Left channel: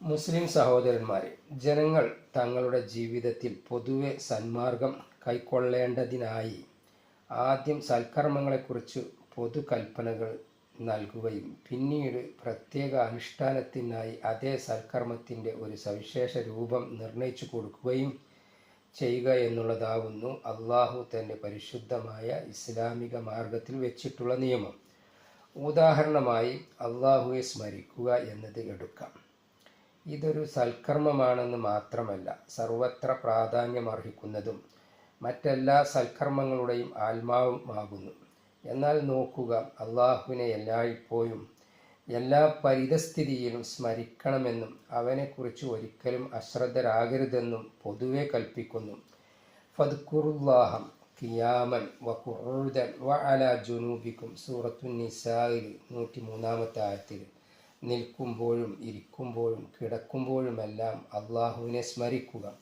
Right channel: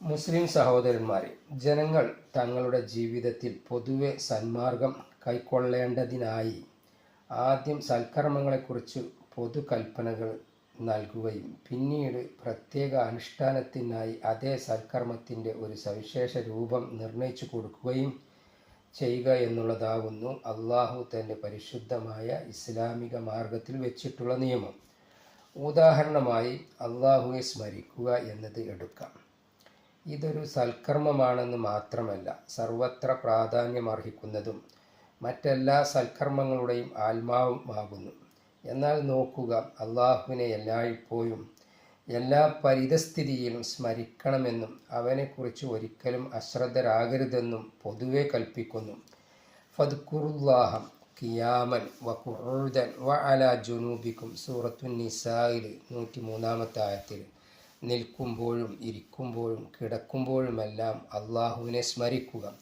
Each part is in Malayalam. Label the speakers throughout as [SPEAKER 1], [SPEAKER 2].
[SPEAKER 1] മുസ്ലിം സഹോദരന്മാരെ ജനങ്ങൾ തങ്ങളുടെ ജീവിതത്തിൽ പൊതുവെ സന്മാർഗം കൈക്കൊള്ളേണ്ടതിനായി ആദ്യം സൽക്കർമ്മങ്ങളെക്കുറിച്ച് പൊതുകൽപ്പനകൾ നൽകുകയും പിന്നീട് പ്രത്യേക അനുഷ്ഠാനത്തിനായി അതേ സൽക്കർമ്മത്തിന്റെ ഒരു സവിശേഷ രൂപം നിർണയിച്ചു കൊടുക്കുകയും ചെയ്യുക എന്നുള്ളതാവുന്നു അള്ളാഹു തന്റെ പരിശുദ്ധമായ ഇസ്ലാമിക മാർഗത്തിൽ വെച്ചിട്ടുള്ള നിയമം. ഉദാഹരണമായി അള്ളാഹുവെ സ്മരിക്കുക എന്നത് എടുക്കാം. ഇതൊരു സൽക്കർമ്മമാണെന്ന് മാത്രമല്ല സർവത്ര പ്രാധാന്യമർഹിക്കുന്നതും മറ്റെല്ലാ സൽക്കർമ്മങ്ങളുടെയും ആത്മാവുമാകുന്നു. എന്നാൽ നോക്കുക അള്ളാഹുവിനെ എല്ലായ്പ്പോഴും എല്ലാ പരിതസ്ഥിതിയിലും സ്മരിക്കണമെന്നും അവനെക്കുറിച്ച് ഒരിക്കലും അശ്രദ്ധരാകരുതെന്നും പൊതുവെ കൽപ്പിക്കുന്നു. ഫദ്ഖുറുല്ലാഹം കിയാമൻ വ കുഴുതൻ വ അല ജുനൂബിക്കും സൂറത്തു നിസായിൽ നൂറ്റി മൂന്നാമത്തെ ആയത്തിൽ നിൽക്കുമ്പോഴും ഇരിക്കുമ്പോഴും കിടക്കുമ്പോഴുമെല്ലാം അള്ളാഹുവിനെ സ്മരിക്കുക.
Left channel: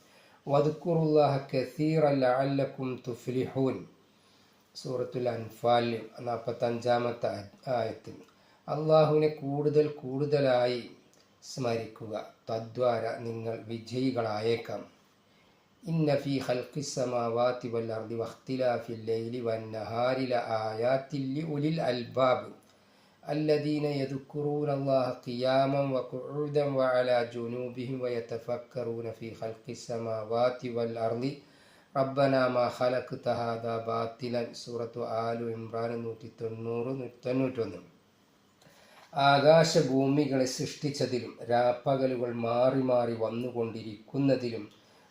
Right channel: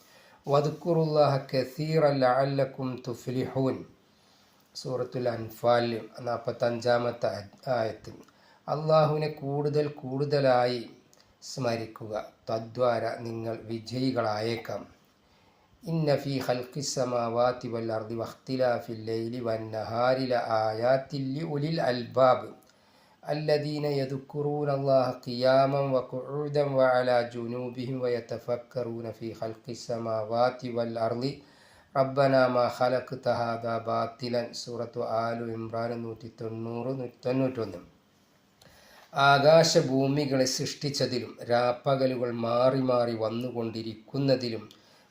[SPEAKER 1] വതുക്കുറുല്ലാഹ കസീറ ലഅല്ലക്കും തുഫ്ലിഹൂൻ. സൂറത്തുൽ അൻഫാൽ നാൽപ്പത്തഞ്ചാമത്തെ ആയത്തിൽ അള്ളാഹുവിനെ കൂടുതൽ കൂടുതലായി സ്മരിക്കുക. തദ്വാര നിങ്ങൾ വിജയികളായേക്കാം. ഇന്ന ഫി ഖൽഖി സമാവാതി വൽ അർദി വഖ്തിലാഫിൽ ലൈലി വൻ നഹാരി ലആയാത്തിൽ ലിഉലിൽ അൽബാബ്. الذين يذكرون الله قياما وقعودا وعلى جنوبهم ويتفكرون في خلق السماوات والأرض റബ്ബന മാ ഖലഖ്ത ഹാദാ ബാത്തിലൻ സൂറത്തു ആലു ഇമ്രാൻ നൂറ്റി തൊണ്ണൂറ് നൂറ്റി തൊണ്ണൂറ്റൊന്ന് ആകാശഭൂമികളെ സൃഷ്ടിച്ചതിലും രാപ്പകലുകൾ മാറി മാറി വന്നുകൊണ്ടിരിക്കുന്നതിലും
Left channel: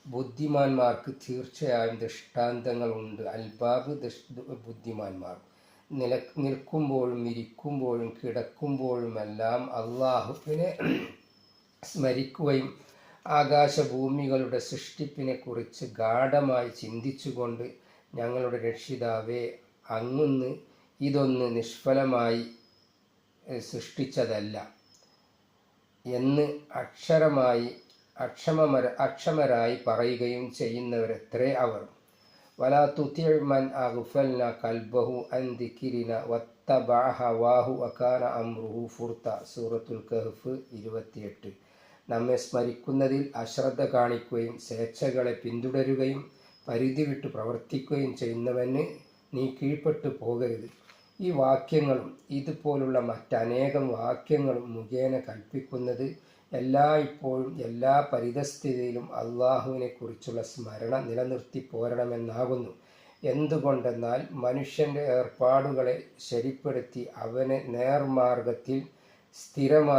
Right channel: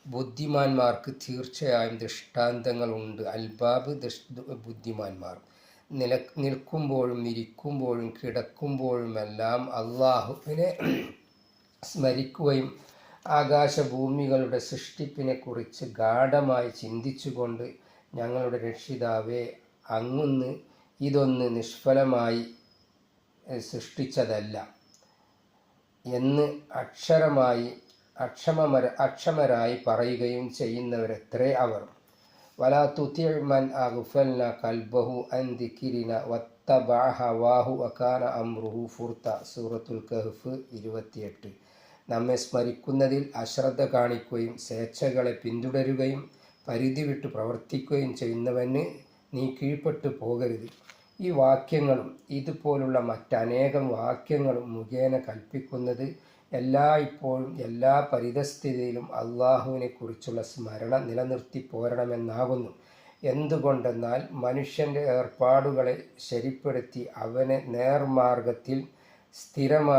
[SPEAKER 1] ബുദ്ധിമാന്മാർക്ക് തീർച്ചയായും ദൃഷ്ടാന്തങ്ങളുണ്ട് അൽബാബ് ബുദ്ധിമാന്മാർ നില നിൽക്കുമ്പോഴും ഇരിക്കുമ്പോഴും കിടക്കുമ്പോഴുമെല്ലാം അള്ളാഹുവിനെ സ്മരിക്കുകയും ആകാശഭൂമികളുടെ സൃഷ്ടിപ്പിനെക്കുറിച്ച് ഗാഠമായി ചിന്തിച്ചുകൊണ്ട് ഞങ്ങളുടെ രക്ഷിതാവെ അങ്ങുന്ന് ഇതൊന്ന് നിഷ്ഫലമായി സൃഷ്ടിച്ചതല്ല എന്ന് അക്ഷരമായി അക്ഷമമര അക്ഷമരായി പറയുകയും ചെയ്യുന്നവരെത്രേ അവർ. വലാ തുതിമൻ അഗ്ഫൽന കൽബഹു അൻ ദിക്കിരിന വത്തബഅ ഹവാഹു വകാന അംറുഹു ഫുർത്ത സൂറത്തുൽ കഹ്ഫ് ഇരുപത്തിയെട്ട്. നമ്മെ സ്മരിക്കുന്നതിൽ അശ്രദ്ധ കാണിക്കുകയും സ്വേച്ഛകളെ പിന്തുടരുകയും പരിധി വിട്ട് പ്രവർത്തിക്കുകയും ചെയ്യുന്നവന് നീ കീഴ്പ്പെട്ടു പോകരുത്. ഈ വാക്യങ്ങളും ഇതുപോലുള്ള മറ്റനേകം വാക്യങ്ങളും മുഖേന കൽപ്പിക്കുന്നത് എല്ലാ ഇപ്പോഴും എല്ലാ പരിതസ്ഥിതിയിലും അള്ളാഹുവിനെ കുറിച്ചുള്ള സ്മരണ നിലനിർത്തി പോരണമെന്നാകുന്നു. എന്തുകൊണ്ടെന്നാൽ മനുഷ്യന്റെ ഏർപ്പാടുകളെ ശരിപ്പെടുത്തി അവനെ നേർമാർഗത്തിൽ സ്ഥിരമായി